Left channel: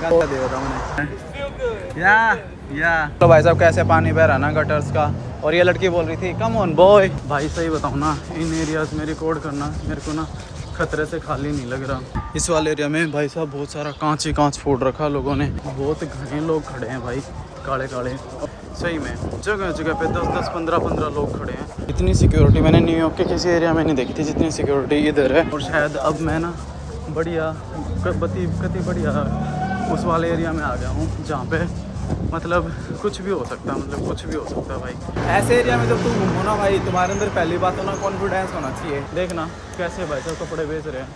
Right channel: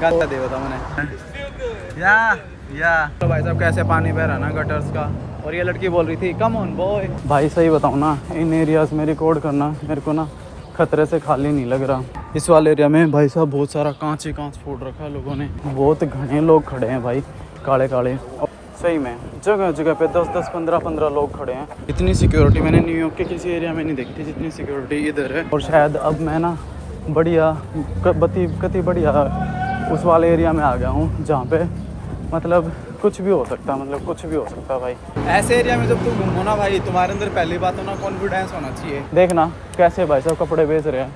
गाता दे था मैंने या तो भाई साहब कैसे पानी बह रहा ना गटर्स का। और ये लड़की बोल रही थी कम ऑन बॉय। भाई सही बताऊँ ना, इन एरियाज में रिकॉर्ड करना मेरे को ना खतरे से खाली नहीं लग रहा। इस वाले एरिया में भाई साहब बहुत सारा कांच ही कांच फोड़ रखा लोगों ने। बहुत घने लोग खड़े हैं भाई, काले काले। सही में जगह जगह पे 10-10, 15-15 लोग खड़े हैं। इतनी सिक्योरिटी मैंने न्यूयॉर्क के किसी एरिया में नहीं देखी थी जितनी सिक्योरिटी इधर है। और शायद अब मैं ना बढ़िया कति बढ़िया उस वाले एरिया में आ गया हूँ जहाँ पे मतलब कुछ भी हो सकता है, मतलब कुछ भी हो सकता है भाई। ऐसे एरिया में जब तुम घूमो ना भाई, तुम्हारे अंदर पहली बात तो ना कॉन्फिडेंस होना चाहिए। देखना कैसे भाई साहब कपड़े बेच रहे हैं,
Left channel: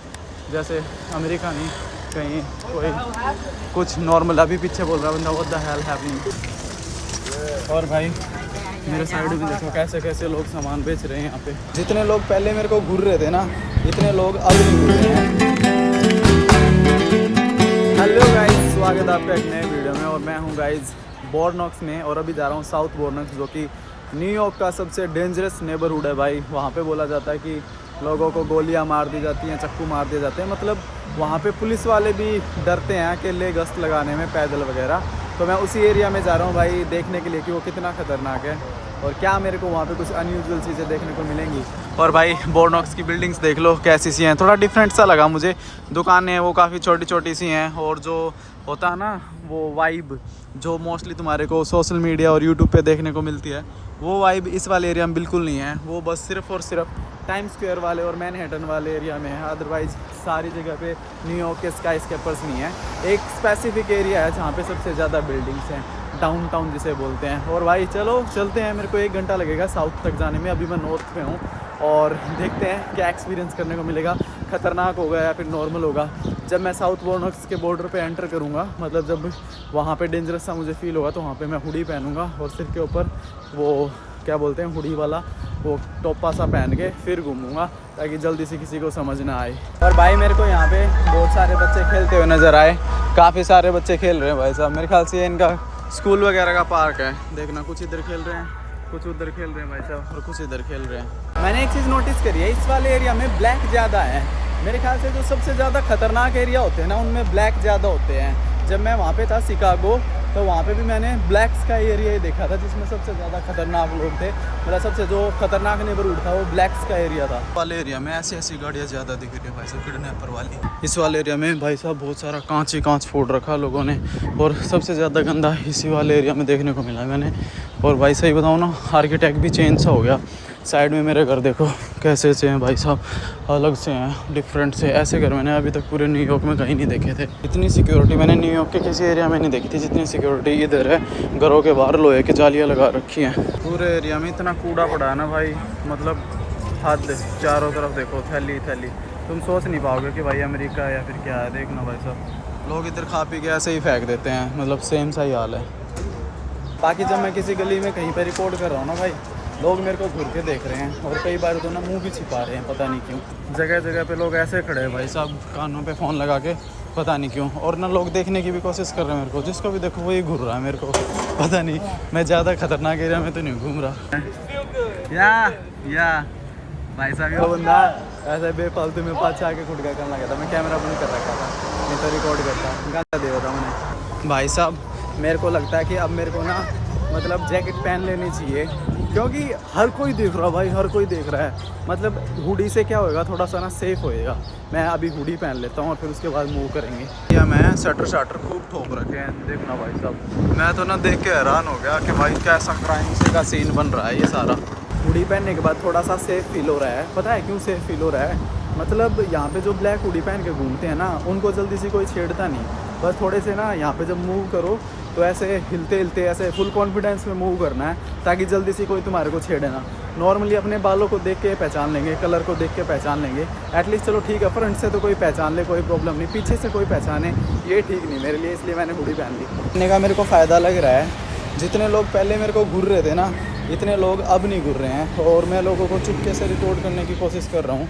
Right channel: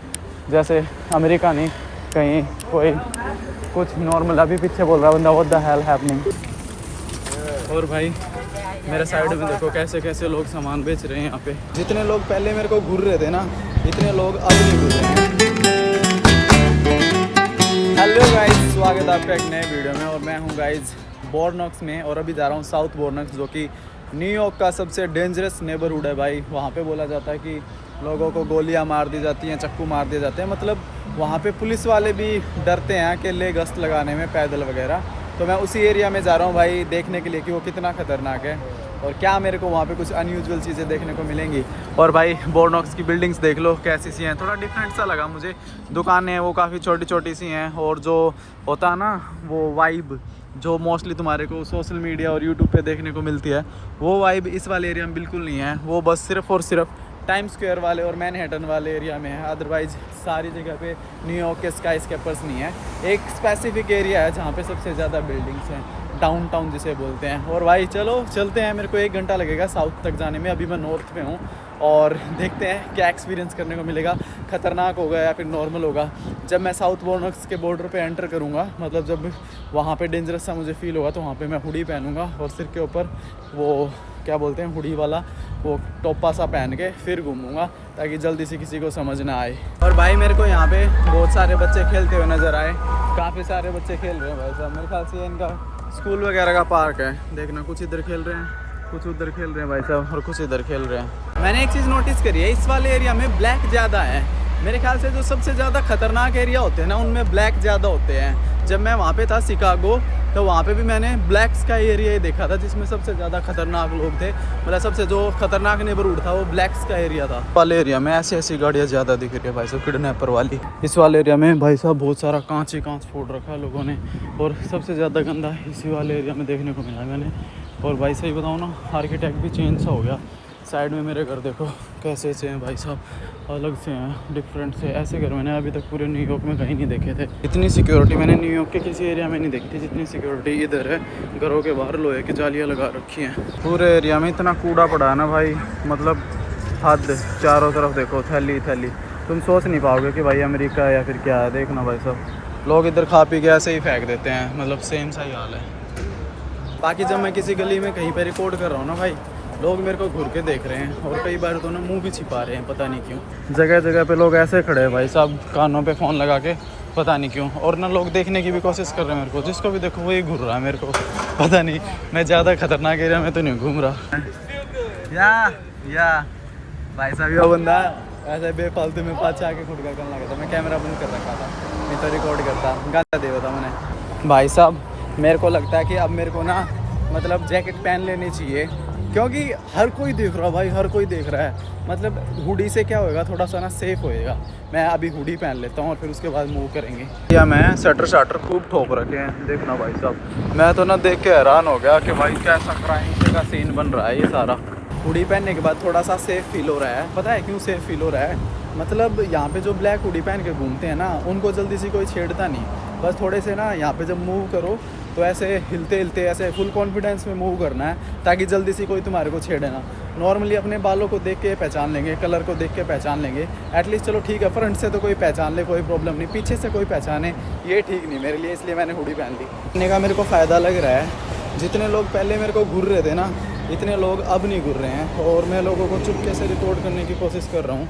जैसे अमेरिका नहीं कहीं कोई कुछ नॉर्मल। अभी पीछे बोल रहा है बंदा व्हाट द हेल हैपनिंग। और भाई मेरे साइड में देखो कैसे कैसे लोग सामान बेच रहे हैं यहाँ पे। जितने लोग पहले मेरे को घूर रहे थे ना, इतने लोग अब नहीं घूर रहे हैं। हेलो गाइज, स्वागत है आपका एक नए वीडियो में। और मैं हूँ गाइज बोर्नॉक्स में और अभी जा रहा हूँ साउथ बोर्नॉक्स, जो कि न्यूयॉर्क का सबसे डेंजरस नेबरहुड है भाई। वहाँ पे बोला जाता है कि लोगों को गोलियाँ मार दी जाती हैं, चक्कू मार दिए जाते हैं। मतलब वहाँ पे पुलिस वाले भी डरते हैं अकेले गश्त लगाने में, पैदल वगैरह। तो मैं उसी एरिया में जा रहा हूँ भाई देखने के लिए कि वो कितना ख़तरनाक है और क्या मेरे को वहाँ पे कुछ अनयूजुअल चीज़ें देखने को मिलेंगी। और भाई बोर्नॉक्स की बिल्डिंग्स देख लो कैसी सी हैं, थोड़ा डिफरेंट सा लगा मुझे। दुकानें वो काफ़ी छोटी छोटी सी हैं और जो होता है ना वो वाइब जो मोस्टली तुम्हारे को सोशल मीडिया और यूट्यूब पे देखने को मिलती है, वो वाइब इस वाले एरिया में बिल्कुल नहीं है। वो बस सिर्फ़ और सिर्फ टाइम स्क्वायर वाले और मैनहट्टन वाले एरिया में है। अदरवाइज़ सारी जगह पे न्यूयॉर्क के स्काई स्केपर्स नहीं है। एक स्पेसिफिक एरिया है जहाँ पे सबसे ज़्यादा बिल्डिंग्स हैं, डाउनटाउन जिसे बोलते हैं। और भाई चलो चलते हैं, मेरे को 1 घंटा लगेगा साउथ तक जाने में। अभी मैं नॉर्थ में हूँ और देखते हैं क्या एक्सपीरियंस करने को मिलेगा, ख़तरनाक होगा या फिर नॉर्मल होगा। जब मैं साउथ बोर्नॉक्स के बॉर्डर पे एंटर करूँगा, मतलब जब वहाँ पे डेंजरस सा मुझे फील होगा, तो वहाँ पे मैं हुडी पहनूँगा और सिर के ऊपर वो क्या बोलते हैं हुडी वाला वो टोपा सा पहन के फिर घूमूंगा, ताकि जल्दी से किसी को समझ ना आए। और भाई मेरे को यहाँ पे बहुत सारे बच्चे खेलते हुए नज़र आए, काफ़ी सारे बच्चे खेल रहे हैं भाई साहब। मेरे ख्याल से इनका स्कूल वगैरह का पार्क है। देखना कुछ इधर खेल रहे हैं, कुछ उधर खेल रहे हैं भाई साहब, और कुछ इधर खेल रहे हैं। मैंने एक चीज़ नोटिस करी है, इस वाले एरिया में ब्लैक ज़्यादा है। मेरे ख्याल से जो सबसे ज़्यादा खतरनाक एरिया होते हैं ना, उनमें ब्लैक ज़्यादा होते हैं। जब मैं वहाँ पे था शिकागो, तो वहाँ पे भी मैंने ब्लैक्स का एरिया ही देखा था जिसमें सबसे ज़्यादा खतरनाक लोग थे। मतलब सबसे जो खतरनाक नेबरहुड था वो ब्लैक्स का एरिया था। वाले एरिया में ऐसी गाड़ियाँ ज़्यादा दिख रही है भाई साहब, किडनैपर वाली। इस वाले एरिया में भाई साहब बहुत सारा कांच ही कांच फोड़ रखा लोगों ने, और सबसे ज़्यादा गंदा इसी वाले एरिया में देखने को मिला मैंने। और भाई सही बताऊँ ना, आर्किटेक्ट भी चेंज सा हो गया। साइड में मेरे घर देखो कैसे से हैं भाई साहब, अलग से हैं, डिफरेंट से। ऐसे घर मैंने अभी तक पूरे न्यूयॉर्क में कहीं नहीं देखे थे। इतनी सिक्योरिटी मैंने न्यूयॉर्क के किसी एरिया में नहीं देखी थी जितनी सिक्योरिटी इधर है। घरों के बाहर लोहे की जालियाँ लगा रखी हैं। पूरे एरिया में इतना कूड़ा पड़ा है ना भाई, मतलब हद। चारों तरफ देखो थैली थैली, तुम सोच नहीं पाओगे कि भाई अमेरिका है या फिर क्या है। देखना भाई साहब, लोग इधर खा पी के ऐसे ही फेंक देते हैं, मतलब सेम सा ही हाल है। बाकी जब मैं किसी गली में कहीं पर रिकॉर्ड कर रहा हूँ ना भाई, लोग मेरे को घूर के देख रहे हैं और कई बार तो ना मुंह भी छिपा रहे हैं, पता नहीं क्यों। जगह जगह पे लोग ऐसे खड़े हैं भाई साहब, कानों पे फ़ोन लगा के, पता नहीं क्यों। और ना लोग देखने की भी कोशिश कर रहे हैं मेरे को, जिसको भी देखो वही घूर रहा है मेरे को, पता नहीं। मैं ज़्यादा खतरनाक एरिया में तो नहीं घूम रहा। या भाई साहब ये बंदा ऐसे बेफालतू में पाछा आके खुद का करने लगा था। मैं कैमरा बंद कर रखा था, नहीं तो रिकॉर्ड करता, गाता दे था मैंने। भाई साहब मेरे को लगता है कि अब मेरे को ना मतलब जैकेट पहन लेनी चाहिए, क्योंकि हर कोई देख रहा है भाई, हर कोई देख रहा है। मतलब हुडी से क्या होएगा, थोड़ा सा ना सेफ होएगा। मैं अभी हुडी पहन लेता हूँ और फिर उसके बाद मूव करेंगे। या मैं शटर खूब ठोक रखे हैं, देखना भाई साहब। मैं तो ना देख के हैरान हो गया कि भाई कैसा क्राइम से का सीन बन रहा है ये सारा। हुडी पहनने के बाद थोड़ा सा सेफ फील हो रहा है। पता है क्यों सेफ फील हो रहा है? मतलब यहाँ पे जो ब्लैक हुडी पहन के घूमते हैं ना, उनको जल्दी से कोई छेड़ता नहीं। बस थोड़े से ना यहाँ पे जब मूव करो तो ऐसे हिलते हिलते ऐसे फुल कॉन्फिडेंस में मूव करना है, ताकि जल्दी से कोई तुम्हारे को छेड़े ना। नॉर्मली अपने बालों को देख के पहचान लेंगे, कलर को देख के पहचान लेंगे एटलीस्ट, चलो ठीक है। फ्रंट से तो कोई पहचान ले, कोई प्रॉब्लम नहीं। पीछे से कोई पहचाने ये ठीक नहीं मेरे लिए, इसलिए मैंने हुडी पहन ली। पहनने का मेरे को फ़ायदा लग रहा है। जितने लोग पहले मेरे को घूर रहे थे ना, इतने लोग अब नहीं घूर रहे हैं। और मैं लोगों को चुपके से रिकॉर्ड करने की कोशिश कर रहा हूँ।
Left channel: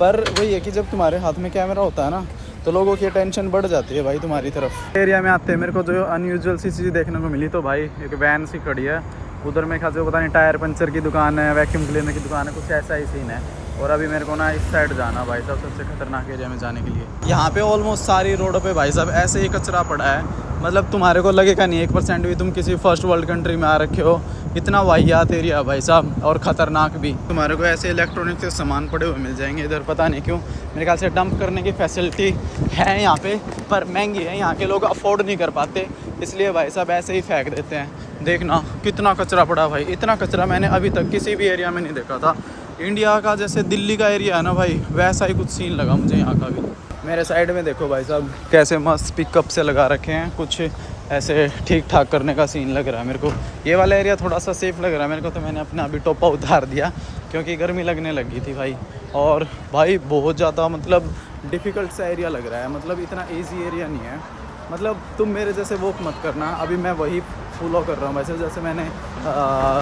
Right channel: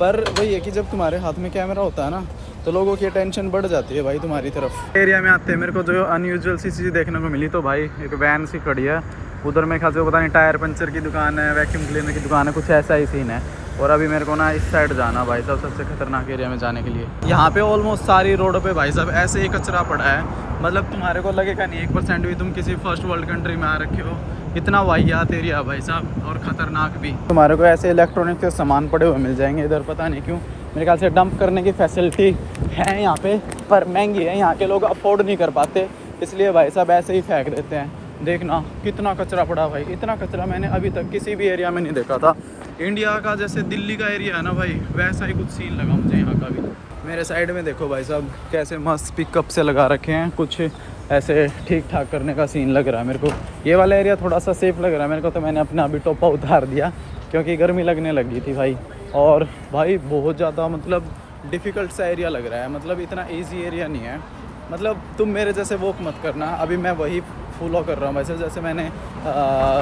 पर वही है कि जब तुम्हारे हाथ में कैमरा होता है ना, तो लोगों की अटेंशन बढ़ जाती है भाई तुम्हारी तरफ। एरिया में आते हैं मेरे को जो अनयूजुअल सी चीज़ देखने को मिली, तो भाई एक वैन सी खड़ी है उधर। मेरे ख्याल से पता नहीं टायर पंचर की दुकान है, वैक्यूम क्लीनर की दुकान है, कुछ ऐसा ही सीन है। और अभी मेरे को ना इस साइड जाना भाई साहब, सबसे खतरनाक एरिया में जाने के लिए। यहाँ पे ऑलमोस्ट सारी रोडों पे भाई साहब ऐसे ही कचरा पड़ा है, मतलब तुम्हारे को लगेगा नहीं 1% भी तुम किसी फर्स्ट वर्ल्ड कंट्री में आ रखे हो। इतना वाहियात एरिया भाई साहब, और ख़तरनाक भी। तुम्हारे को ऐसे इलेक्ट्रॉनिक के सामान पड़े हुए मिल जाएंगे इधर, पता नहीं क्यों। मेरे ख्याल से डंप करने की फैसिलिटी है यहाँ पे, पर महंगी है, यहाँ के लोग अफोर्ड नहीं कर पाते, इसलिए भाई साहब ऐसे ही फेंक देते हैं। देखना कितना कचरा पड़ा भाई, इतना कचरा मैंने अभी तक किसी भी एरिया में नहीं देखा था। इंडिया का जैसे दिल्ली का एरिया है ना भाई, वैसा ही कुछ सीन लगा मुझे यहाँ का भी। मेरे साइड में देखो भाई साहब कैसे मस्त पिकअप से लगा रखे हैं, कुछ ऐसे ठीक ठाक करने का सीन लग रहा है मेरे को। ये वाला एरिया थोड़ा सा सेफ़ लग रहा है मेरे को, तो मैंने अपना अभी टोपा उतार दिया क्योंकि गर्मी लगने लगी थी भाई। और भाई बहुत ज़्यादा मतलब डिफ़िकल्ट सा एरिया लग रहा है, मतलब इतना ईजी एरिया नहीं है। मतलब तुम मेरे जैसे वॉक मत करना, अभी मैं वही फॉलो कर रहा हूँ वैसे जैसे मैंने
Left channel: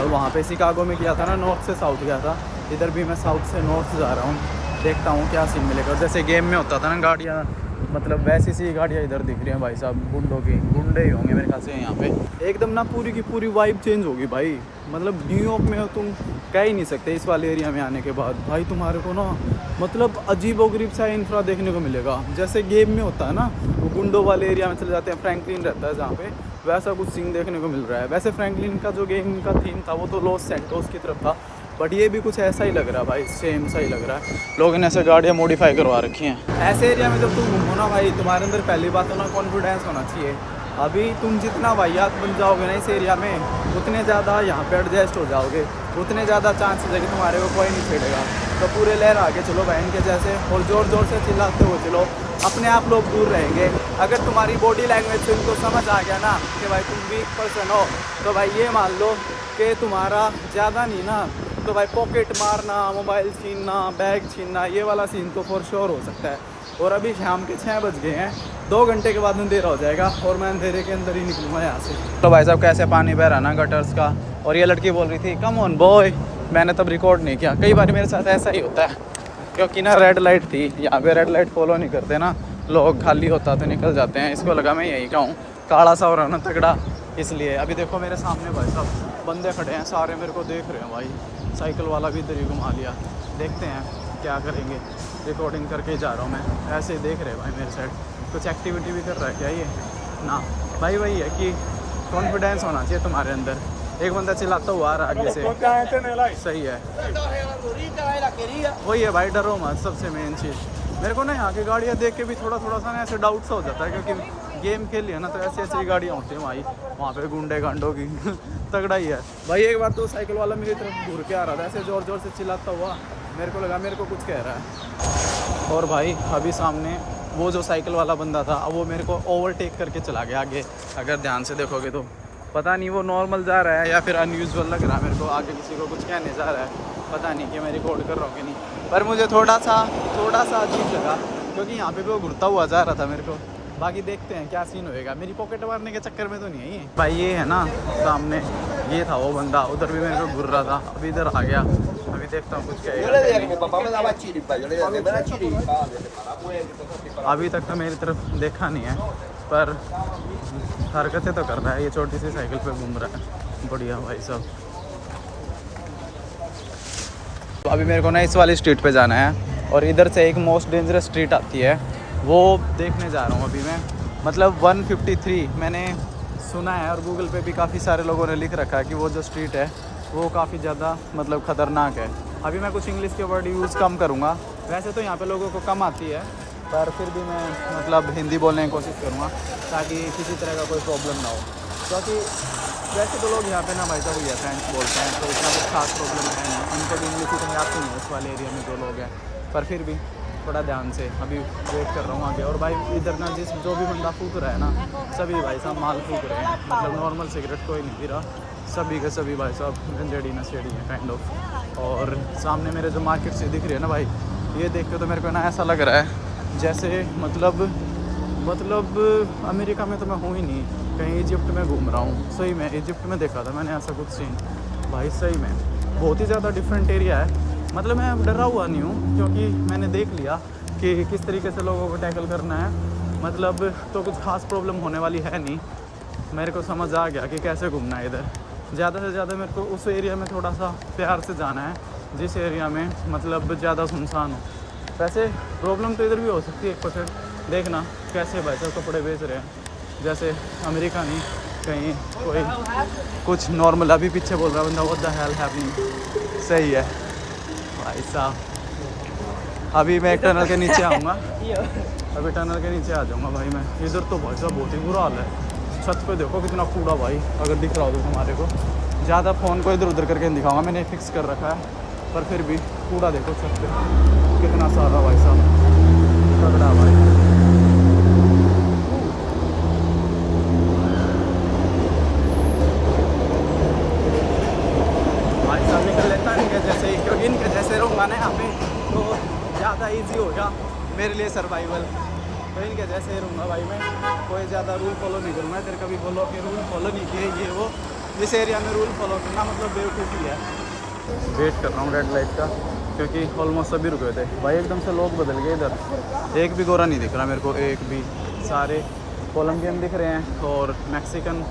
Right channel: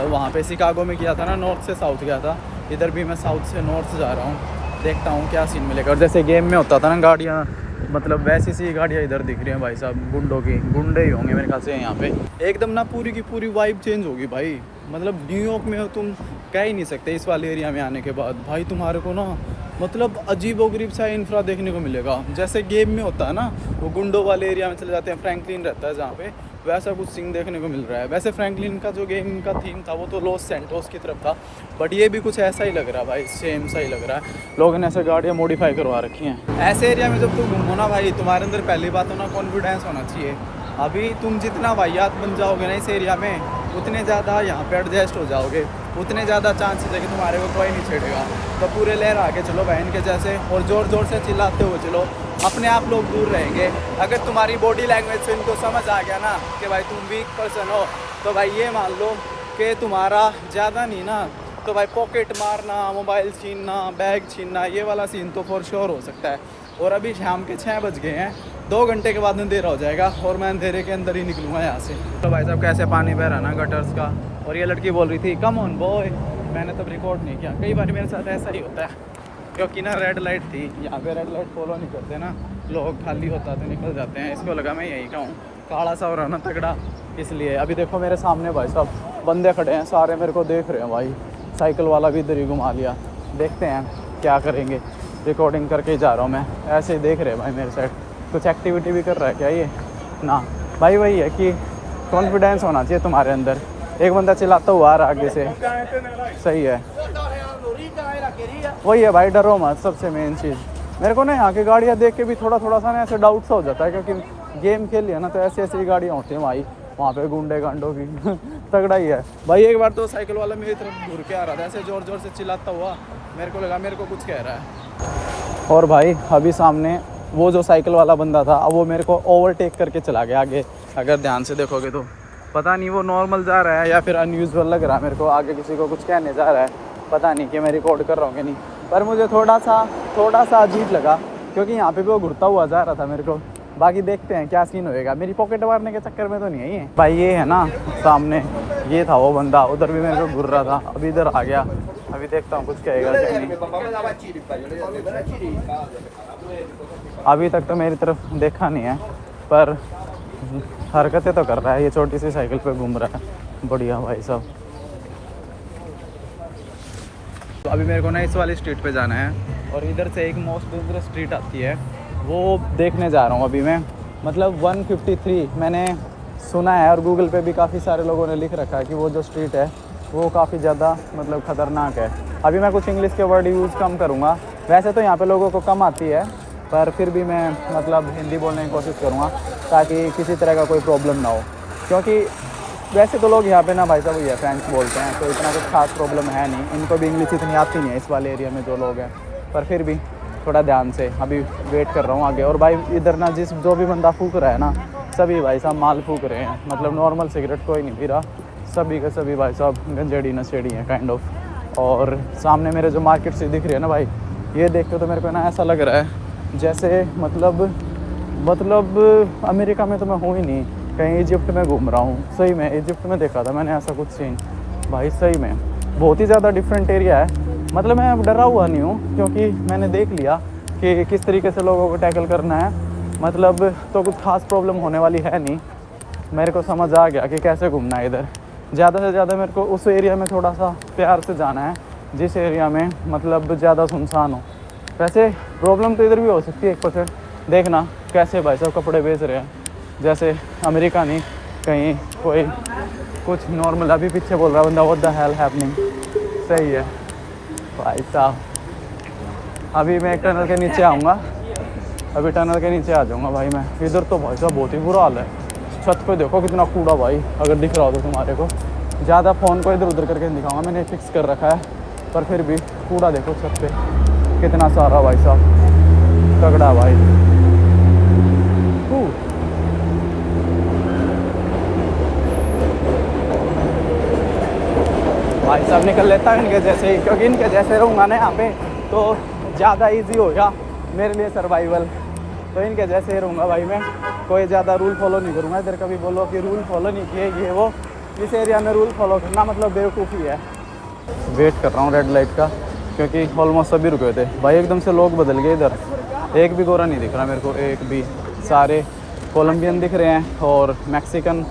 वहाँ पे शिकागो में किया था ना, नॉर्थ से साउथ गया था। इधर भी मैं साउथ से नॉर्थ जा रहा हूँ, देखता हूँ क्या सीन मिलेगा। और जैसे गेम में होता था ना गाड़ियाँ, मतलब वैसी सी गाड़ियाँ इधर दिख रही हैं भाई साहब, गुंडों की, गुंडे ही होंगे मेरे ख्याल से यहाँ पे। एकदम ना पूरी की पूरी वाइब चेंज होगी भाई, मतलब न्यूयॉर्क में हो तुम कह ही नहीं सकते इस वाले एरिया में आने के बाद भाई। तुम्हारे को ना मतलब अजीबोगरीब सा इंफ्रा देखने को मिलेगा, जैसे गेम में होता है ना, वो गुंडों वाले एरिया में चले जाते हैं, फ्रैंकलिन रहता है जहाँ पे, वैसा कुछ सीन देखने को मिल रहा है। वैसे फ्रैंकलिन का जो गेम का थीम था वो तो लॉस सैंटोस की तरफ था, बट ये भी कुछ ऐसा ही लग रहा है भाई, सेम सा ही लग रहा है। लोगों ने ऐसे गाड़ियाँ मॉडिफाई करवा रखी हैं। ऐसे एरिया में जब तुम घूमो ना भाई, तुम्हारे अंदर पहली बात तो ना कॉन्फिडेंस होना चाहिए। अभी तुम जितना वाहियात बन जाओगे ना इस एरिया में, उतने ज़्यादा यहाँ पे एडजस्ट हो जाओगे, उतने ज़्यादा चांसेस है कि तुम्हारे को कोई नहीं छेड़ेगा। तो पूरे लहर आगे चलो बहन के जैसे, और ज़ोर ज़ोर से चिल्लाते हुए चलो, अपने आप लोग दूर रहेंगे। अगर तुम्हारी बॉडी लैंग्वेज से इनको समझ आ गया ना कि भाई तुम वीक पर्सन हो, तो भाई ये मान लो कि तुम्हारा ज़्यादा नहीं ना, तो भाई पॉकेट मारना, मोबाइल छीनना, बैग छीनना, ये वाला सीन तो फॉर श्योर हो सकता है। और अभी शाम के 6 बज गए हैं, 2 घंटे के बाद अंधेरा हो जाएगा और मैं अंधेरे के अंदर ही निकलूँगा यहाँ से। तो भाई साहब कैसे पानी बह रहा ना गटर्स का, और ये लड़की बोल रही थी कम ऑन बॉय, मैंने तब रिकॉर्ड नहीं किया। कई बार मेरे साथ ऐसा ही होता है, क्योंकि ना रेड लाइट थी यहाँ पे, रेड लाइट फॉलो नहीं करते ना लोग, खाली होता तो निकल जाते हैं। इसको लगा मैं यही कहूँ, काला सा हो रहा ना तगड़ा, इसलिए। अभी देखो मेरे सामने भाई साहब बंदे खड़े हैं, सारे मेरे को देख रहे हैं भाई। साइकिल वाला भी इधर ही घुमा लिया, देखते हैं क्या करेंगे। रिकॉर्डिंग करके जा रहा हूँ मैं, ऐसे ही देख रहे हैं भाई मेरे साइड। कुछ एक्टिविटी भी कर रहा है क्या ये ना भाई? वही है कि कॉन्फिडेंस होना चाहिए तुम्हारे अंदर। एक बंदा चिल्लाता हुआ आ रहा आगे से, सही है, वही है भाई, डरो मत, सबसे मेन चीज़। मेरे को ना यहाँ की गाड़ियाँ देख के भी थोड़ा थोड़ा सा ना ऐसे डाउट सा हो जाता है, क्योंकि गेम खेल लिया ना तो ऐसी ऐसी गाड़ियाँ होती हैं भाई, वहाँ पे गुंडे गांडों की तगड़ा ही है भाई। एक बार तो साइकिल वाला मेरी तरफ घूर के आ रहा था ऐसे ज़ोर ज़ोर से चिल्लाता हुआ, मेरे को लगा मेरे को कुछ कह रहा है। और भाई अभी सामने वो जो साइकिल वाला बंदा था, अब वो मेरे को ओवरटेक करके चला गया आगे। अगर ध्यान से देखोगे तो पता नहीं वो नॉर्मल जा रहा है या फिर अनयूजुअल लग रहा है मेरे को, आगे किसी को कुछ कहने जा रहा है, पता नहीं कि मैं रिकॉर्ड कर रहा हूँ कि नहीं। पर मुझे थोड़ा सा अजीब लगा, क्योंकि यहाँ पे वो घुरता हुआ जा रहा था मेरे को। बाकी देखते हैं क्या सीन होएगा, मेरी पॉकेट मारने के चक्कर में तो नहीं है ये भाई। ये है ना सामने, ये था वो बंदा, उधर भी मेरे को घुर रहा था, अभी इधर आ गया। अभी देखता हूँ कुछ कहेगा कि नहीं। अभी तक तो मेरी तरफ देखा नहीं है, पर हरकतें तो कर रहा है, ये छोटी सी साइकिल पे घूम रहा है। बढ़िया भाई साहब। तो अभी मेरे को ना इस वाली स्ट्रीट पे जाना है, और इधर से एक मोस्ट डेंजरस स्ट्रीट आती है, वो देखने जा रहा हूँ अभी मैं। मतलब 153 मैंने सुना है, और गूगल पे भी काफ़ी सारे लोगों ने लिख रखा है कि वो जो स्ट्रीट है वो काफ़ी ज़्यादा मतलब ख़तरनाक है। अभी मैं कुछ इंग्लिश के वर्ड यूज़ कम करूँगा, वैसे तो यहाँ पे लोगों को कम आती है, पर फिर भी मैं मतलब हिंदी बोलने की कोशिश करूँगा ताकि किसी तरह का कोई प्रॉब्लम ना हो। क्योंकि वैसे तो लोग यहाँ पे ना भाई साहब ये फ्रेंच बोलते हैं, तो इतना कुछ खास प्रॉब्लम है नहीं, इनको भी इंग्लिश इतनी आती नहीं है इस वाले एरिया में जो लोग हैं। पर फिर भी थोड़ा ध्यान से अभी वेट कर रहा हूँ आगे। और भाई इधर ना जो भी बंदा फूक रहा है ना, सभी भाई साहब माल फूक रहे हैं, मतलब नॉर्मल सिगरेट कोई नहीं पी रहा, सभी के सभी भाई साहब गंजेड़ी नशेड़ी हैं काइंड ऑफ। और सामने मेरे जो मार्केट से दिख रही है ना भाई, ये देख के तो मेरे को ना ऐसा लग रहा है जैसे मतलब अमेरिका में तो मैं हूँ ही नहीं, कहीं इजिप्ट में घूम रहा हूँ। सही में इजिप्ट में देखा था मैंने ऐसा कुछ सीन भाई, सही में बहुत ही ज़्यादा डिफरेंट एरिया है। मतलब मैं डरा हुआ नहीं हूँ, क्योंकि मैंने देख लिया कि किस तरीके से लोगों को टैकल करना है। मतलब तो कुछ खास प्रॉब्लम होने वाली है नहीं, मेरे को समझ आ गया कि कैसे घूमना है इधर। ज़्यादा से ज़्यादा मेरे को उस एरिया में थोड़ा सा प्यार से जाना है, जिस एरिया में मतलब ज़्यादा सुनसान हो। वैसे प्रॉब्लम तो इधर भी हो सकती है 1%। देखना कैसे भाई साहब कपड़े बेच रहे हैं, जैसे अमेरिका नहीं, कहीं कोई कुछ नॉर्मल। अभी पीछे बोल रहा बंदा व्हाट द हेल हैपनिंग। सही है भाई साहब। अभी मैं एक टनल के नीचे आऊँगा, अभी टनल के नीचे आ जाऊँगा भाई मैं। इधर तो भाई साहब बहुत ही बुरा हाल है। छत पे देखो कितना कूड़ा भाई, अगर दिख रहा हो तो तुम्हारे को। ज़्यादा फ़ोन को इधर उधर करके नहीं दिखाऊंगा, मैंने फिक्स कर रखा है, पर फिर भी कूड़ा देखो छत पे कितना सारा भाई साहब, तगड़ा भाई। भाई साहब निकल लेता है इनके जैसे, क्योंकि इनके जैसे रहूँगा ना यहाँ पे तो ज़्यादा इजी होगा मेरे लिए सर्वाइवल। तो इनके जैसे ही रहूँगा भाई मैं, कोई ज़्यादा रूल फॉलो नहीं करूँगा। इधर कभी बोलो कि रूल फॉलो नहीं किए ये वो, इस एरिया में रूल फॉलो करना मतलब बेवकूफ़ी है। वेट कर रहा हूँ रेड लाइट का, क्योंकि ऑलमोस्ट सभी रुके थे भाई। एकदम से लोग बदल गए इधर, एक भी गोरा नहीं दिख रहा मेरे को, एक भी। सारे कोलंबियन दिख रहे हैं और मैक्सिकन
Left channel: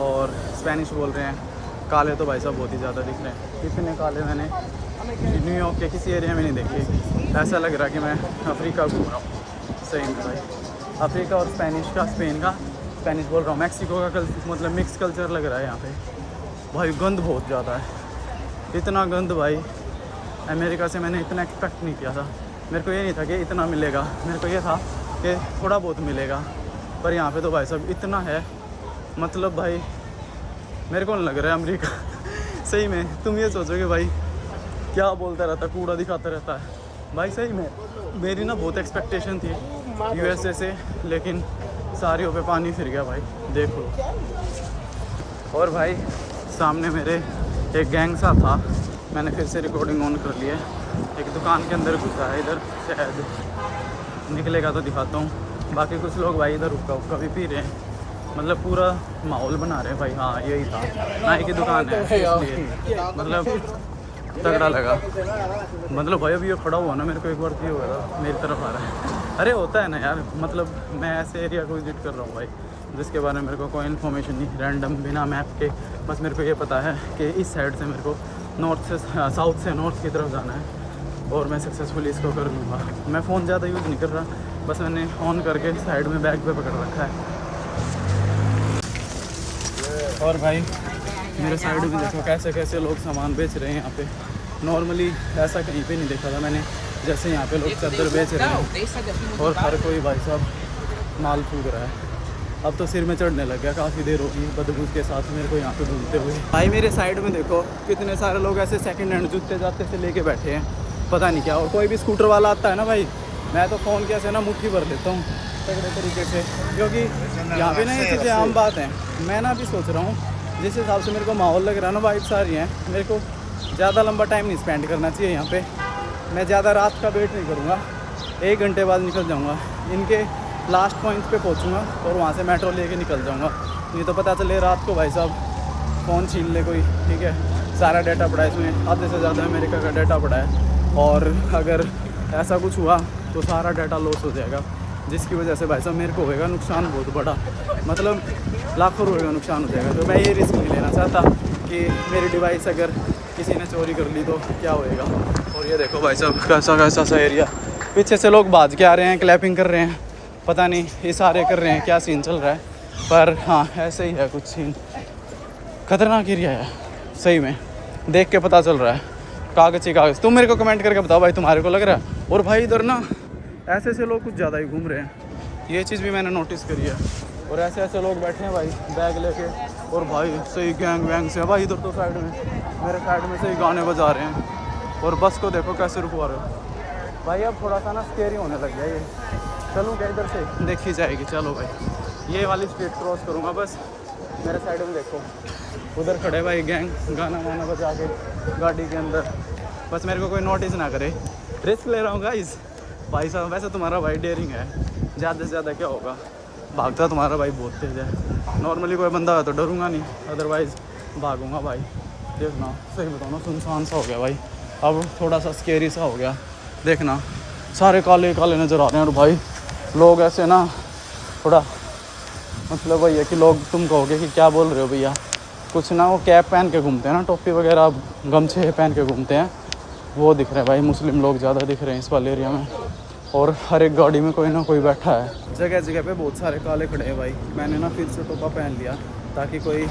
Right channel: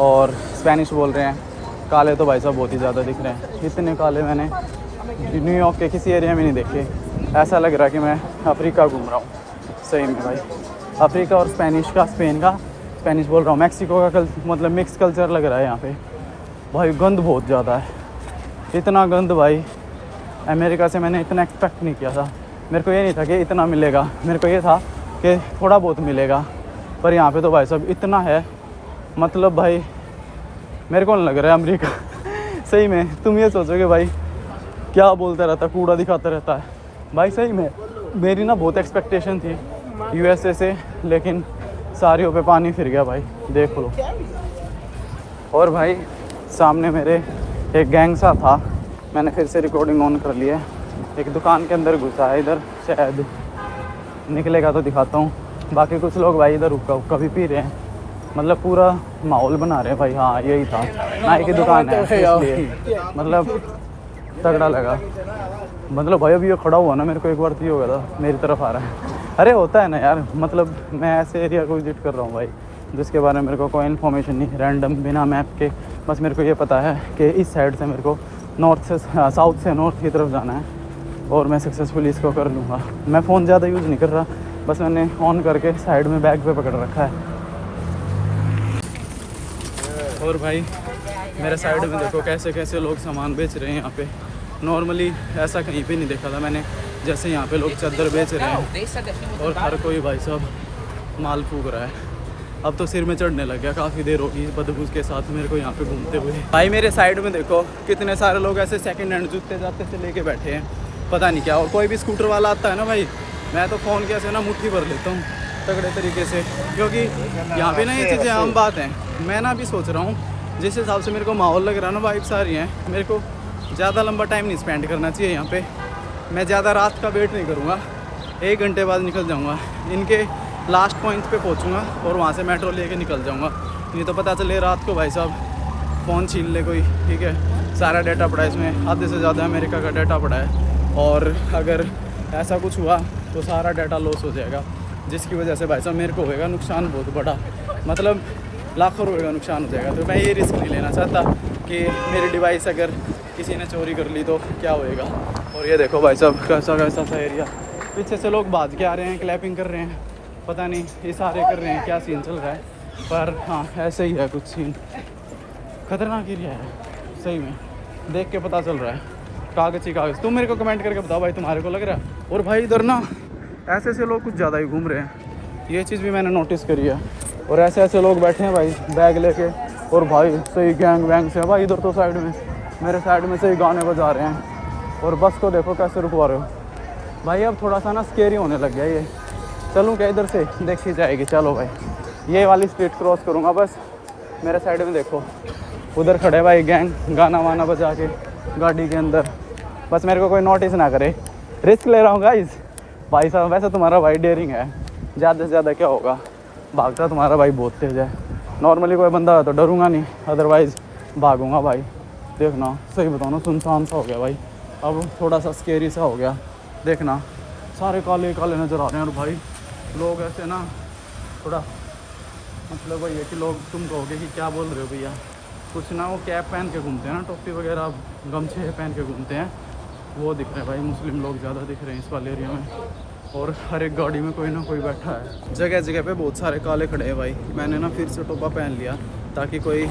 और स्पेनिश बोल रहे हैं। काले तो भाई साहब बहुत ही ज़्यादा दिख रहे हैं। इतने काले मैंने न्यूयॉर्क के किसी एरिया में नहीं देखे। ऐसा लग रहा है कि मैं अफ्रीका घूम रहा हूँ सही में भाई। अफ्रीका और स्पेनिश का, स्पेन का, स्पेनिश बोल रहा हूँ, मैक्सिको का मतलब मिक्स कल्चर लग रहा है यहाँ पे भाई। गंद बहुत ज़्यादा है, इतना गंद भाई। अमेरिका से मैंने इतना एक्सपेक्ट नहीं किया था, मेरे को ये नहीं था कि इतना मिलेगा, मेरे को ये था कि थोड़ा बहुत मिलेगा। पर यहाँ पे तो भाई साहब इतना है, मतलब भाई मेरे को नहीं लग रहा है अमेरिका सही में। तुम ये सोचोगे भाई क्या बोलता रहता, कूड़ा दिखाता रहता है भाई। सही में मेरी ना बहुत एक्सपेक्टेशन थी यूएसए से, लेकिन सारियों पे पानी फिर गया भाई, देख लो। और भाई सामने मेरे एक गैंग सा था, मैंने फिर से रिकॉर्डिंग ऑन कर लिया। एक दुकान के अंदर घुसा है इधर, शायद निकलेगा तो दिखाता हूँ। बाकी कुछ लोग भाई इधर हुक्का भी पी रहे हैं, मतलब पूरा माहौल बना रहे हैं भाई। हाँ यही था, नाई की दुकान है इसलिए मतलब तगड़ा लगा। मतलब भाई अभी ये खड़ा हुआ ना, मेरे को एक बार की हो गया था, मेरी तरफ आ रहा है। अरे होता है ना यार, मतलब मैं ऐसे एरिया को विजिट कर रहा हूँ भाई जिसके बारे में मेरे को कोई इन्फॉर्मेशन नहीं, रैंडम बिना मैप के। बस मेरे को ये पता है कि इस साइड से मेरे को नॉर्थ से साउथ से नॉर्थ की तरफ जाना है और मैं सक्सेसफुली इसको कर लूँगा। मैं फ़ोन ज़्यादा यूज़ नहीं कर रहा, बस मैंने ऑन करके साइड में बैग पे पकड़ रखा है। और भाई मेरे साइड में देखो कैसे कैसे लोग सामान बेच रहे हैं यहाँ पे। नॉर्मली ऐसा कहीं पे नहीं देखा था मैंने, जैसे यहाँ पे लोग चादर बेच रहे हैं और हर कोई भाई साहब माल फूक रहा है। अब तो सिर में चढ़ने लग गया, काफ़ी देर होगी बदबू के साथ मेरे को यहाँ पे घूमते हुए। भाई मेरे साइड में देखो कितने सारे लोग ऐसे सेकंड हैंड जूते जाते से लेके बैठे हैं, पता नहीं क्या। और कोई भी स्कूटर वाला आता है ना भाई, मैं तो फ़ोन कैसे ना मुट्ठी भर लेता हूँ तगड़े तरीके से, क्योंकि यहाँ पे ना ये चीज़ें आम बात हैं। मैं ना भी सोच रहा हूँ जिस हिसाब से मेरे को माहौल लग रहा है ना, वाइब्स आ रही हैं, मेरे को ज़्यादा लंबा टाइम नहीं स्पेंड करना चाहिए यहाँ पे। मैं ज़्यादा रात का वेट नहीं करूँगा, 1 घंटे बाद निकल जाऊँगा, इनके लास्ट पॉइंट पे पहुँचूँगा और वहाँ से मेट्रो लेके निकल जाऊँगा। नहीं तो पता चले रात को भाई साहब फ़ोन छीन ले कोई, ठीक है। सारा डाटा पड़ा है इसमें, आधे से ज़्यादा अमेरिका का डाटा पड़ा है, और अगर ऐसा कुछ हुआ तो सारा डाटा लॉस हो जाएगा, जिसकी वजह से भाई साहब मेरे को होएगा नुकसान बहुत बड़ा, मतलब लाखों रुपये का नुकसान हो जाएगा। तो मैं ये रिस्क नहीं लेना चाहता कि मेरी डिवाइस अगर किसी ने चोरी कर ली तो क्या होएगा। और ये देखो भाई साहब कैसा कैसा सा एरिया, पीछे से लोग भाज के आ रहे हैं, क्लैपिंग कर रहे हैं, पता नहीं इशारे कर रहे हैं, क्या सीन चल रहा है। पर हाँ ऐसे ही है कुछ सीन, खतरनाक एरिया है सही में, देख के पता चल रहा है। कागज़ ही कागज़। तुम मेरे को कमेंट करके बताओ भाई तुम्हारे को लग रहा है। और भाई इधर ना ऐसे ऐसे लोग कुछ ज़्यादा ही घूम रहे हैं, ये चीज़ भी मैंने नोटिस करी है। और ऐसे ऐसे लोग बैठे हैं भाई बैग लेके, और भाई सही गैंग वैंग से भाई। इधर तो साइड में मेरे साइड में से ही गाने बजा रहे हैं, और बस को देखो कैसे रुकवा रहे हो भाई। अब थोड़ा सा ना स्केरी होने लग गया ये। चलूँ क्या इधर से, देखी जाएगी। चलो भाई ये वाली स्पीड क्रॉस करूँगा बस। मेरे साइड में देखो उधर खड़े भाई गैंग, गाना वाना बजा के गाड़ी के अंदर, बस मेरे को कोई नोटिस ना करे। रिस्क ले रहा हूँ गाइस भाई साहब। वैसे तुम्हारा भाई डेयरिंग है, ज़्यादा से ज़्यादा क्या होगा, भागता तुम्हारा भाई बहुत तेज है। नॉर्मली कोई बंदा है तो डरूंगा नहीं, अदरवाइज़ भागूंगा भाई। देखना सही बताओ ना, सुनसान सा हो गया भाई, अब थोड़ा सा स्केरी सा हो गया। देखना सारे काले काले नज़र आ रहे हैं। और भाई लोग ऐसे ना थोड़ा, मतलब वही है कि लोग तुम कहोगे कि क्या बोल रहे हो भैया, कुछ ना वो कैप पहन के घूमते हैं ना, टोपी वगैरह गमछे पहन के घूमते हैं, वो दिख रहा है भाई, मुस्लिम लोग ज़्यादा दिख रहे हैं इस वाले एरिया में। और हर एक गाड़ी में कोई ना कोई बैठा है। जगह जगह पे बहुत सारे काले खड़े हैं भाई। मैंने ना फिर से टोपा पहन लिया ताकि कोई,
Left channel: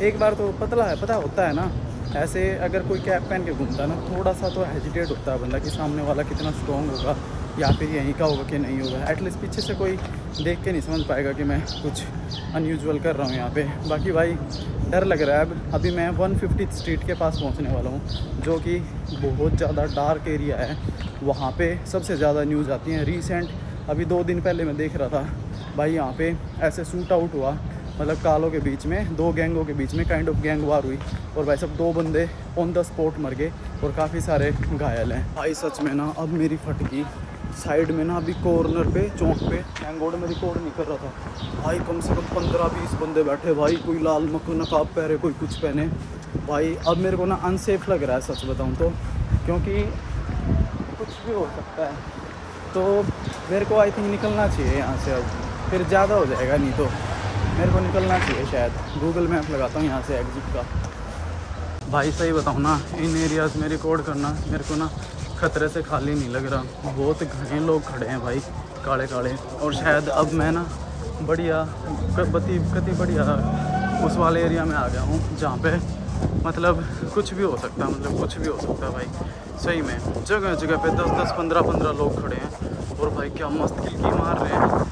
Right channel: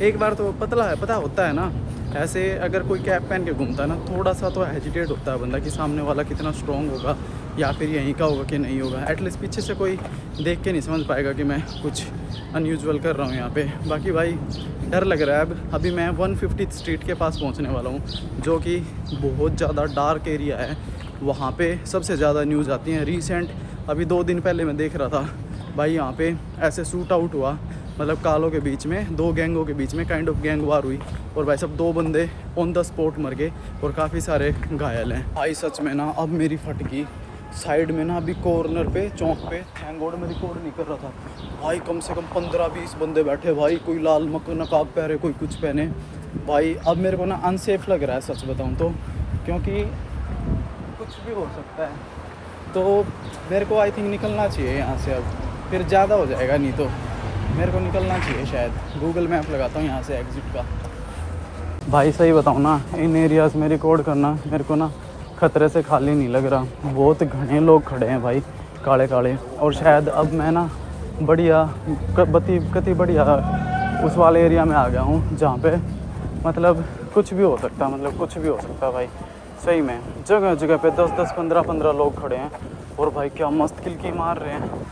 एक बार तो पता होता है ना, ऐसे अगर कोई कैप पहन के घूमता है ना, थोड़ा सा तो हेजिटेट होता है बंदा कि सामने वाला कितना स्ट्रॉन्ग होगा या फिर यहीं का होगा कि नहीं होगा। एटलीस्ट पीछे से कोई देख के नहीं समझ पाएगा कि मैं कुछ अनयूजुअल कर रहा हूँ यहाँ पे। बाकी भाई डर लग रहा है। अभी मैं 150 स्ट्रीट के पास पहुँचने वाला हूँ, जो कि बहुत ज़्यादा डार्क एरिया है। वहाँ पे सबसे ज़्यादा न्यूज़ आती हैं। रिसेंट अभी 2 दिन पहले मैं देख रहा था भाई, यहाँ पे ऐसे शूट आउट हुआ, मतलब कालों के बीच में, 2 गैंगों के बीच में काइंड ऑफ गैंग वार हुई और भाई सब 2 बंदे ऑन द स्पॉट मर गए और काफ़ी सारे घायल हैं भाई। सच में ना अब मेरी फट गई। साइड में ना अभी कॉर्नर पे, चौक पे, थैंक गॉड मैं रिकॉर्ड नहीं कर रहा था भाई, कम से कम 15-20 बंदे बैठे भाई। कोई लाल नकाब पहने, कोई कुछ पहने भाई। अब मेरे को ना अनसेफ लग रहा है सच बताऊँ तो, क्योंकि कुछ भी हो सकता है। तो मेरे को आई थिंक निकलना चाहिए यहाँ से, अब फिर ज़्यादा हो जाएगा। नहीं तो मेरे को निकलना चाहिए शायद। गूगल मैप लगाता हूँ यहाँ से एग्जिट का। भाई सही बताऊँ ना, इन एरियाज़ में रिकॉर्ड करना मेरे को ना ख़तरे से खाली नहीं लग रहा। बहुत घने लोग खड़े हैं भाई, काले काले। और शायद अब मैं ना बढ़िया कति बढ़िया उस वाले एरिया में आ गया हूँ जहाँ पे मतलब कुछ भी हो सकता है, मतलब कुछ भी हो सकता है भाई। सही में जगह जगह पे 10-10, 15-15 लोग खड़े हैं और भाई क्या मस्त किलकी मार रहे हैं।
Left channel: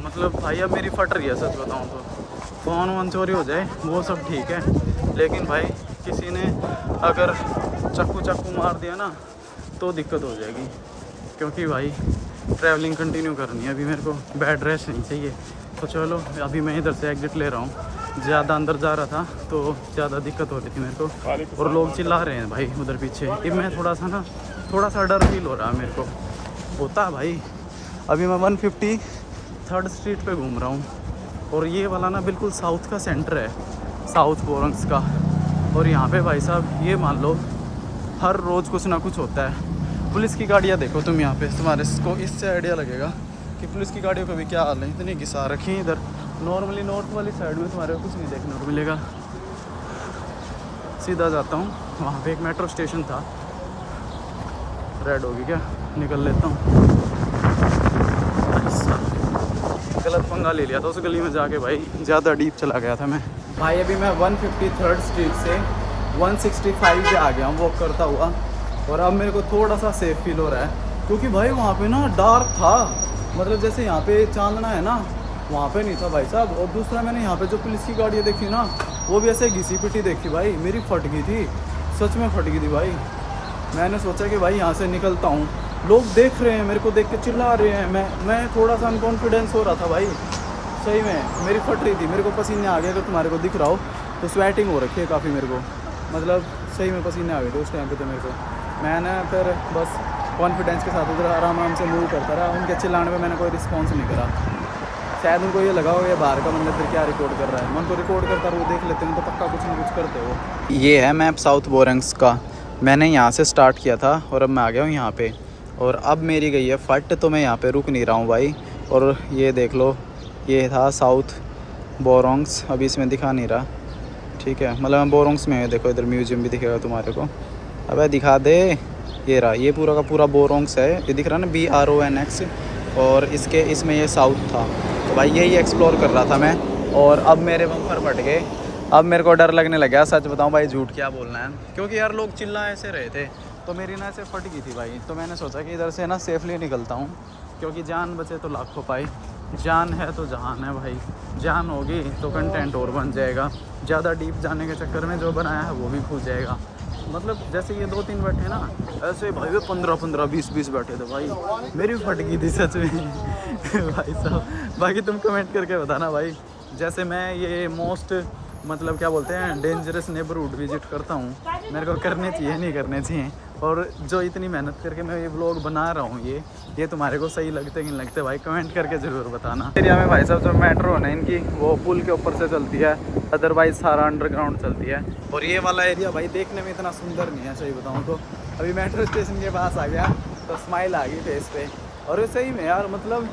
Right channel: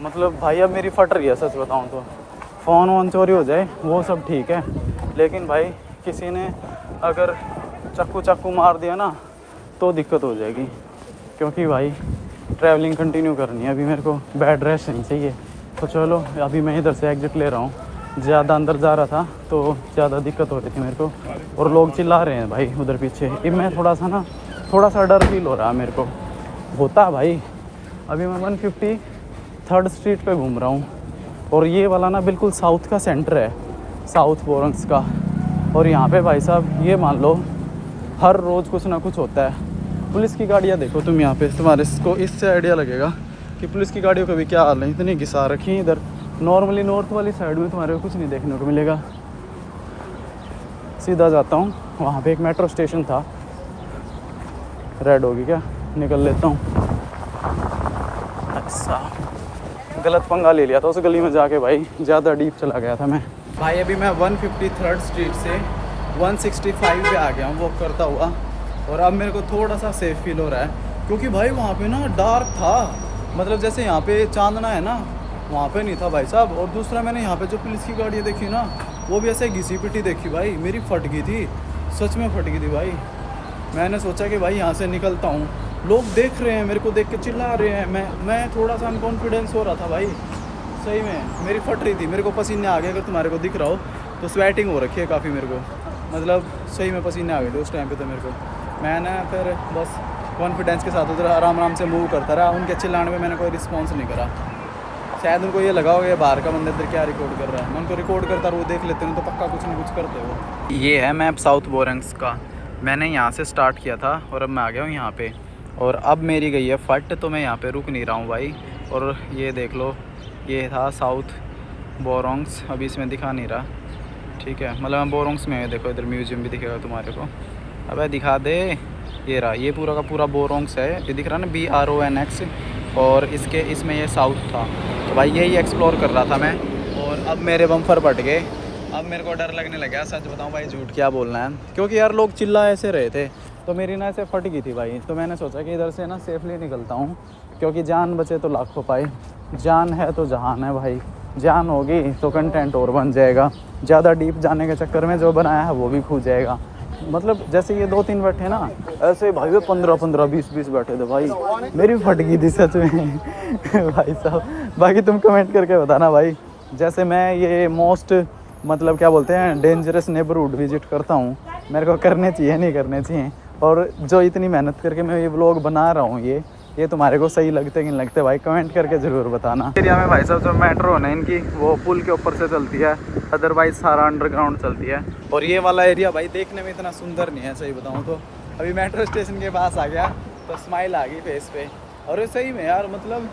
मतलब भाई अब मेरी फट रही है सच बताऊं तो। फ़ोन वोन चोरी हो जाए वो सब ठीक है, लेकिन भाई किसी ने अगर चाकू मार दिया ना तो दिक्कत हो जाएगी। क्योंकि भाई ट्रैवलिंग कंटिन्यू करनी है अभी, मेरे को बेड रेस्ट नहीं चाहिए। तो चलो अभी मैं इधर से एग्जिट ले रहा हूँ। ज़्यादा अंदर जा रहा था तो ज़्यादा दिक्कत हो रही थी मेरे को, और लोग चिल्ला रहे हैं भाई उधर पीछे। अब मैं थोड़ा सा डर फील हो रहा है मेरे को, होता भाई। अभी मैं 153rd स्ट्रीट पे घूम रहा हूँ और ये वाला ना बिल्कुल साउथ का सेंटर है, साउथ बोरंग्स का। और यहाँ पे भाई साहब ये मान लो हर रोज़ कुछ ना कुछ होता है। पुलिस की गाड़ियाँ देखो तुम यहाँ पे, तुम्हारे को इससे आइडिया लगेगा कि पुलिस की गाड़ियों का भी क्या हाल है। इतनी घिसा रखी है इधर। नॉर्मली नॉर्थ वाली साइड में तुम्हारे को कुछ नहीं देखने को मिलेगा। सीधा जाता हूँ, वहाँ पे एक मेट्रो स्टेशन था। रेड होगी क्या, निकल लेता हूँ। अच्छा गलत पंगा ले लिया था उस गली में जाके भाई, ज़्यादा डीप चला गया था मैं भाई। अभी मैं 153rd स्ट्रीट से 165 पे आ गया हूँ वॉक करता हुआ, और अब मेरे को थोड़ा सा सेफ फील हो रहा है। क्योंकि भाई वहाँ पे ना डार्क था, मतलब जैसे यहाँ पे चांदना है ना, वहाँ पे नहीं था भाई साहब। और दूसरा मैंने यहाँ पे जो पुलिस की गाड़ियाँ देखी ना, वो भी ऐसे घिसी पिटी देखी भाई। मेरी फट गई थी, सच में फट गई थी भाई। मैंने सोचा कि भाई यहाँ से निकलता हूँ, लोग देख रहे हैं मेरे को, देख के चिल्ला रहे हैं। मैं थोड़ा सा अनकॉन्फिडेंस हो रहा था भाई, सही में मेरी फट रही थी। मेरे को पसीने आ गए, अगर तुम्हारे को दिख रहा हो तो स्वेटिंग हो रखी है काफ़ी मेरे को, मतलब सही में पसीने आ गए थे उस टाइम पे तो मेरे को। मैंने फिर बस कॉन्फिडेंस के साथ उधर आराम से मूव करता रहा। उनके चिल्लाने पे मैंने कोई रिस्पॉन्स नहीं करा। शायद उनको ये लगा होगा ये बाहर का बंदा इधर क्या रिकॉर्ड कर रहा है। मैं उनको रिकॉर्ड करता रहा, वो देख लेते हैं तो पक्का कुछ ना कुछ करते हो। ये है मैप साउथ बोरंग्स का। मैंने यहाँ से स्टार्ट किया था और अब मैं आ गया हूँ यहाँ पे, और अब मेरी गई है फट, तो मैं यहाँ पे रुक नहीं रहा हूँ भाई। और ये देख लो, ये था साउथ बोरंग्स, अभी इसमें दिखा नहीं रहा, ठीक है। मतलब मैं बोरंग्स में है, देखो इधर म्यूजियम भी दिखेगा तुम्हारे को। अबे दिखा दे, ये रहा, ये पूरा का पूरा बोरंग्स है। ये दिख रहा है ना, BRONX, और इसमें ये साउथ था। तो भाई यही एक्सप्लोर कर रहा था मैं, और अब मेरे बम्पर फट गए। अब मेरे को डर लगने लग गया, सच बताऊं भाई, झूठ क्या बोलना है। क्योंकि यार लोग चिल्ला ऐसे रहे थे तो मेरी ना ऐसे फट गई थी भाई। तो मैंने सोचा कि इधर से ना सेफली निकलता हूँ, क्योंकि जान बचे तो लाखों पाए। जान है तो जहान है भाई, जान होगी तो कंटेंट और बन जाएगा। ज़्यादा डीप जाने के चक्कर में जो बनाया है वो भी खो जाएगा। मतलब जैसे ये 2-3 बैठे ना, ऐसे भाई वो 15-15, 20-20 बैठे थे भाई। मेरी फट गई थी सच में भाई साहब। बाकी तुम कमेंट करके बताना भाई। जैसे मैं ये मोस्ट मतलब क्या बोलते हैं डेंजरस नेबरहुड विजिट करता हूँ, मेरे को करने चाहिए नहीं करने चाहिए। और जो इतनी मेहनत करके मैं ये व्लॉग बना रहा हूँ, ये तुम्हारे को सही लगते कि नहीं लगते भाई, कमेंट करके ज़रूर बताना। एरिया में भाई साहब जो मेट्रो है ना इनकी, वो पुल के ऊपर से चलती है, अदरवाइज सारा अंडरग्राउंड चलती है। और ये वाला एरिया भाई देखने में इतना सुंदर नहीं है सही बताऊँ तो। अभी मेट्रो स्टेशन के पास आ गया तो स्माइल आ गई फेस पे। और सही में यार, मतलब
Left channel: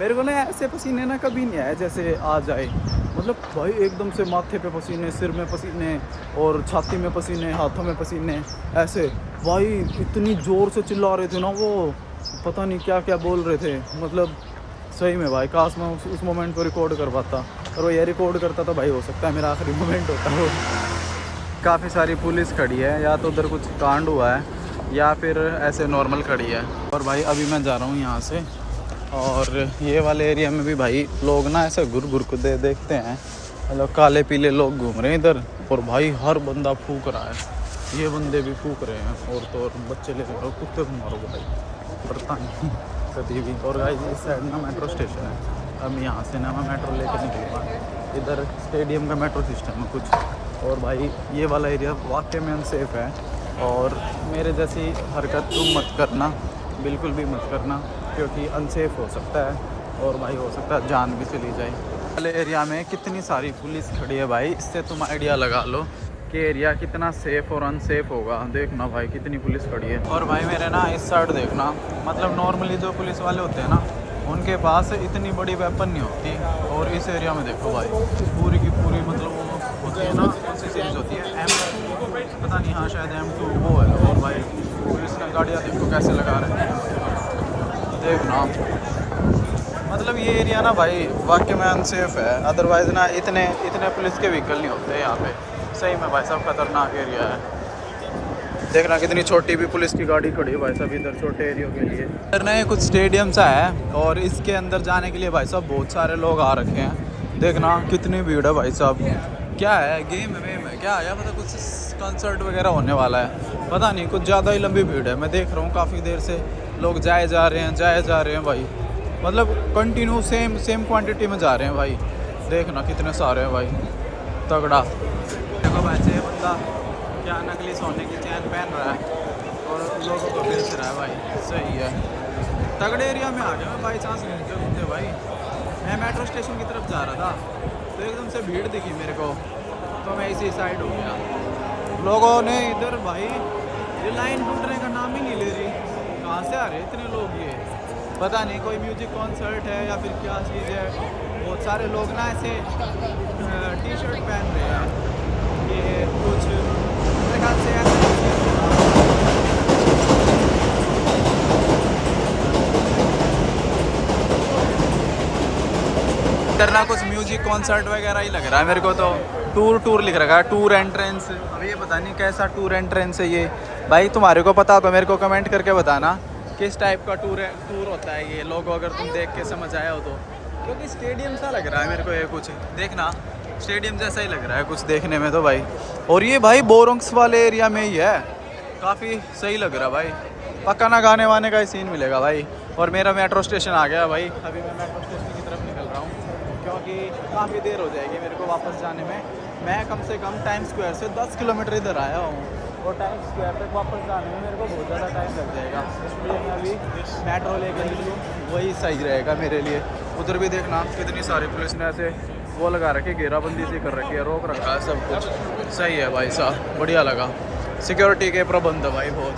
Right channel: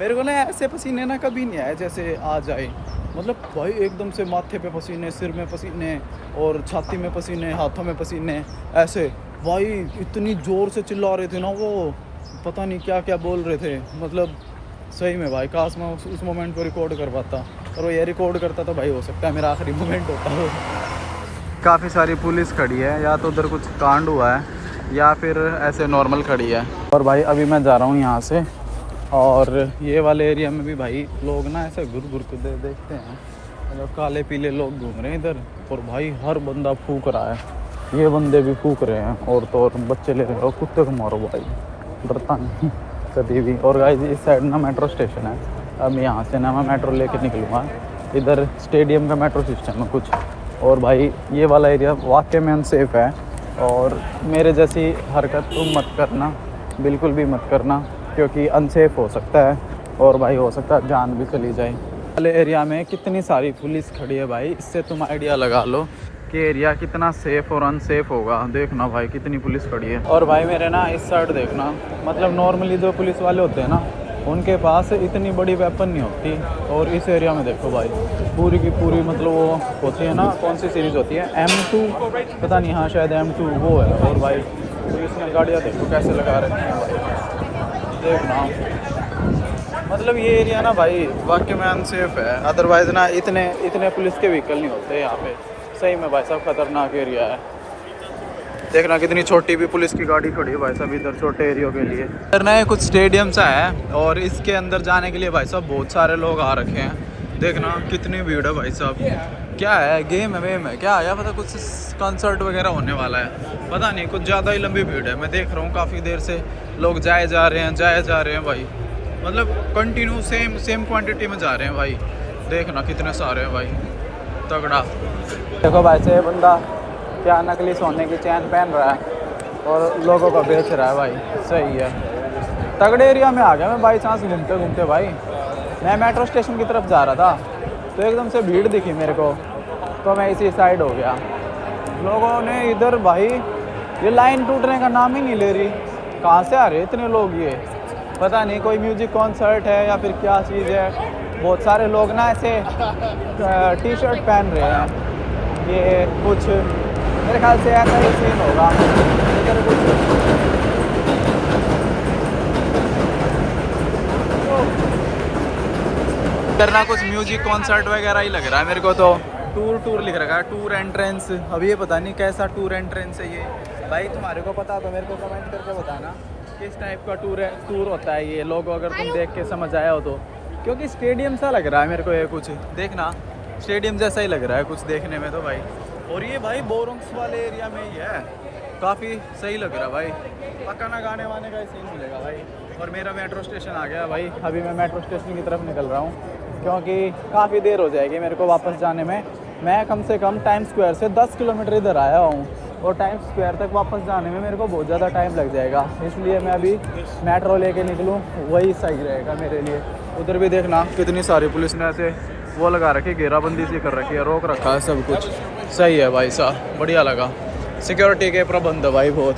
मेरे को ना ऐसे पसीने ना कभी नहीं आए जैसे आ जाए। मतलब भाई एकदम से माथे पे पसीने, सिर में पसीने, और छाती में पसीने, हाथों में पसीने, ऐसे भाई इतनी ज़ोर से चिल्ला रहे थे ना वो, पता नहीं क्या क्या बोल रहे थे। मतलब सही में भाई काश मैं उस मोमेंट को रिकॉर्ड कर पाता, और वो ये रिकॉर्ड करता तो भाई हो सकता है मेरा आखिरी मोमेंट होता वो। काफ़ी सारी पुलिस खड़ी है, या तो उधर कुछ कांड हुआ है या फिर ऐसे नॉर्मल खड़ी है। और भाई अभी मैं जा रहा हूँ यहाँ से, और ये वाले एरिया में भी भाई लोग ना ऐसे घुर घुर को देखते हैं, मतलब काले पीले लोग घूम रहे हैं इधर। और भाई हर बंदा फूक रहा है, ये बंदे भी फूक रहे हैं, और तो और बच्चे ले रहे हो, कुत्ते को मारो भाई, डरता नहीं कभी भी। और गाइस इस साइड ना मेट्रो स्टेशन है, अब यहाँ से ना मैं मेट्रो लेकर निकलूँगा। इधर स्टेडियम का मेट्रो सिस्टम है कुछ। और भाई ये वाला एरिया वाकई में अनसेफ है, और मेरे जैसी हरकत तुम मत करना, बिल्कुल भी मत करना, क्योंकि अनसेफ हो सकता है, और भाई हो सकता है जान भी चली जाए। वाले एरिया में कितनी सारी पुलिस खड़ी है भाई, इससे तुम आइडिया लगा लो कि एरिया कितना सेफ़ और अनसेफ होगा। देखना भाई कितनी पुलिस खड़ी है। और भाई मेरे ना इस साइड देखना, मतलब नॉर्मली जो पुलिस वाले होते हैं ना, उनके पास इतनी बड़ी वेपन नहीं होती। और इस एरिया में देखो भाई पूरी की पूरी, मतलब वो होती है ना, कौन सी सीरीज़ होती है, M2 पता नहीं, हाँ शायद M2 वो है। और भाई पुलिस ने गाड़ियाँ देखो कैसे लगा रखी हैं भाई, देखना। मतलब ये एरिया ना भाई वाकई में अनसेफ है, अदरवाइज़ ना इतने पुलिस के व्हीकल नहीं होते यहाँ पे। सही में भाई साहब ख़तरनाक एरिया है। देखना कितनी छोटी भी पुलिस की गाड़ी खड़ी है भाई साहब इधर छोटे एरिया के लिए। इधर ना कुछ स्टेडियम सा है, और इसके अंदर जाने के लिए भाई साहब बहुत सारे लोग आ रखे हैं। देखना कितनी भीड़ है भाई साहब। क्या है, गेम है वेम है क्या है, पता कुछ कंसर्ट वगैरह होने वाला है, पता नहीं, कुछ ज़्यादा ही लंबी भीड़ है। मैं देख रहा हूँ काफ़ी देर से लोग जाए जा रहे हैं भाई, मतलब कंटिन्यू सेम क्वांटिटी में जा रहे हैं भाई। देखना कितने सारे हैं भाई, तगड़ा। देखो भाई से बंदा क्या नकली सोने की चैन पहन रहा है और लोगों को बेच रहा है भाई, सही है। तगड़े एरिया में आ गया मैं बाई चांस घूमते घूमते भाई। मैं मेट्रो स्टेशन की तरफ जा रहा था तो एकदम से भीड़ दिखी मेरे को, तो मैं इसी साइड हो गया। लोगों ने इधर भाई ये लाइन टूटने का नाम ही नहीं ले रही, कहाँ से आ रहे इतने लोग, ये पता नहीं कोई म्यूजिक कॉन्सर्ट है या फिर क्या चीज़ है। बहुत सारे लोग ना ऐसे टी शर्ट पहन रहे हैं, ये कुछ मेरे ख्याल से ऐसा ही सीन होगा इधर कुछ। इधर ना कुछ म्यूजिक कॉन्सर्ट वगैरह ही लग रहा है मेरे को तो। टूर लिख रखा है, टूर एंट्रेंस। अब ये पता नहीं कैसा टूर एंट्रेंस है ये भाई, तुम्हारे को पता तो मेरे को कमेंट करके बताना किस टाइप का टूर होता है ये, लोगो अगर तुम देख के समझ आया हो तो। क्योंकि स्टेडियम सा लग रहा है मेरे को ये, कुछ देखना स्टेडियम जैसा ही लग रहा है कुछ देखने में तो भाई। और ये भाई बोरोंक्स वाले एरिया में ही है, काफ़ी सही लग रहा है भाई, पक्का ना गाने वाने का ही सीन मिलेगा भाई। और मेरा मेट्रो स्टेशन आ गया भाई, अभी मैं मेट्रो स्टेशन की तरफ निकल रहा हूँ, क्योंकि काफ़ी देर हो जाएगी मेरे को वापस जाने में। मैं कम से कम टाइम स्क्वायर से 10 किलोमीटर इधर आया हूँ, और टाइम स्क्वायर तक वापस जाने में मेरे को बहुत ज़्यादा टाइम लग जाएगा, इसलिए मैं अभी मेट्रो लेके निकलूँ वही सही रहेगा मेरे लिए। उधर भी देखना कितनी सारी पुलिस ने ऐसे वो लगा रखी, घेराबंदी सी कर रखी है, रोक रखा है सब कुछ, सही है भाई साहब, बढ़िया लगा। सिक्योरिटी के प्रबंध है भाई बहुत।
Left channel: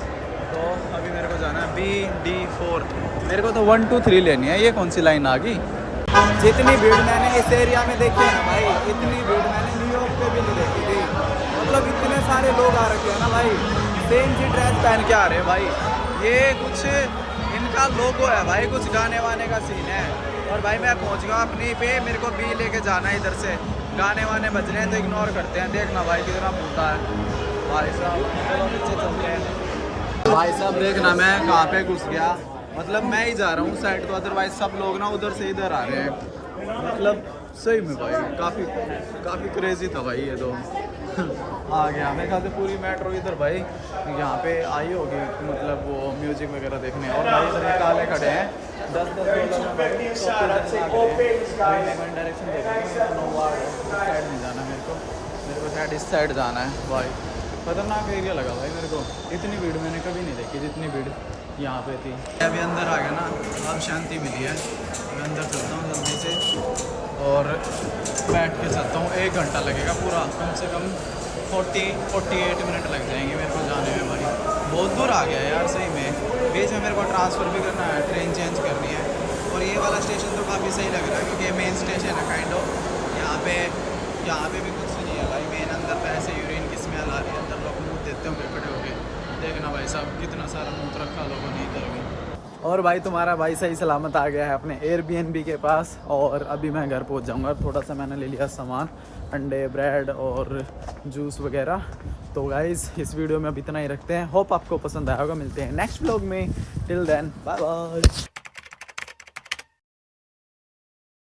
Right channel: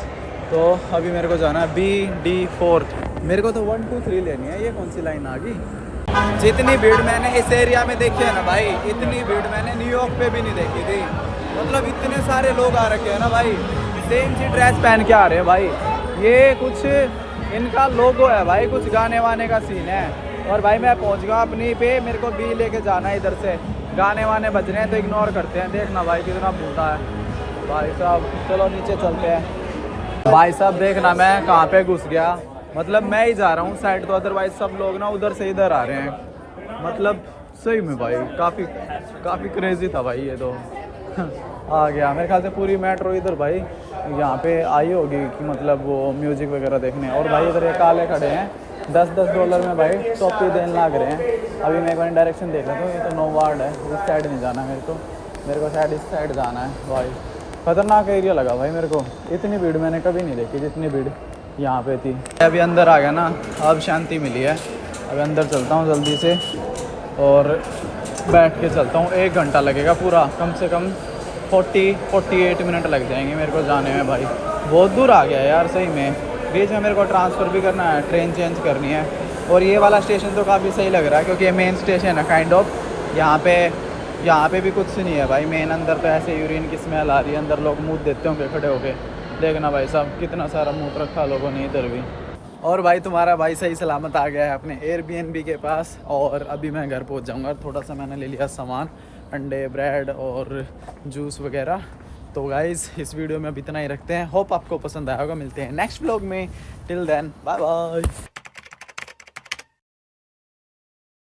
तो अभी मेरे को जाना है BD4, मेरे को तो 1 2 3 लेनी है। ये कौन सी लाइन आ गई? जितनी भीड़ मैंने इस एरिया में देखी है ना भाई, इतनी भीड़ मैंने न्यूयॉर्क पे भी नहीं देखी थी। मतलब इतने सारे लोग आ रखे हैं ना भाई, सेम सी ड्रेस पहन के आ रहे हैं भाई। ये कुछ इनका लोगो है भाई, कुछ गाने वाने का सीन है। और भाई मैं पहुंच गया अपनी पे, मेरे को बी लेके जाना है इधर से, गाने वाने बज रहे हैं तो इग्नोर करते हैं। देखना भाई कितना भूता है भाई साहब। चलो नीचे चलते हैं भाई साहब। देखना मैं कहाँ पे घुस गया, मतलब मैं ही जा रहा हूँ साइड को, अदरवाइज सब लोग ना उधर से इधर आ रहे हैं। मतलब सही में भाई काफ़ी क्रेजी था भाई ये तो। आ गया मेरे ख्याल से पूरी मेट्रो इधर भाई यहाँ पे आई होगी, मतलब वो म्यूज़िक वगैरह देखने। और भाई इधर ये काले खड़े हैं $10 में भाई कॉपी देने लग रहे हैं। अभी मैं वहीं डायरेक्शन देख रहा हूँ, ये तो नो वार्ड है, इस साइड नहीं जाना मेरे को शायद इस साइड जाना है भाई। ख़तरनाक एरिया लगा भाई मेरे को, इतनी भीड़ मैंने कभी नहीं देखी जितनी भीड़ यहाँ पे थी। अभी अंदर आ गया ना, अब शांति मिली है। अभी अंदर चलता हूँ जल्दी से और बैठ के चलता हूँ। 1 घंटा लगेगा पूरा, कम से कम 48 मिनट लग जाएंगे मेरे को जाने में भाई। बहुत दूर आ गया यार सही में। बीच में मेरे को ट्रांसफ़र भी करना है, ट्रेन चेंज करनी है। और ये वाला स्टेशन तो काफ़ी सही लग रहा है, क्योंकि ये मेन स्टेशन है काइंड ऑफ। यहाँ पे भी कुछ नहीं है भाई मेन। अंदर पे ऐसे यूरिन की स्मेल आ रही है, अंदर लोग मुँह देते होंगे खड़े होके, देखना भाई साहब कितना सारा मूत रखा लोगों ने इधर भी। और भाई तुम्हारा भाई सही सलामत आ गया है अपने एयरबीएनबी के पास और अभी मैं घर पहुंच जाऊंगा। थोड़ा सा मैंने ले लिया सामान, अंडे, ब्रेड और जूस वगैरह। तो गाइज़ इस वीडियो में अब इतना ही रखते हैं। होप आपको पसंद आया होगा। मिलते हैं नेक्स्ट व्लॉग में। Till then bye bye.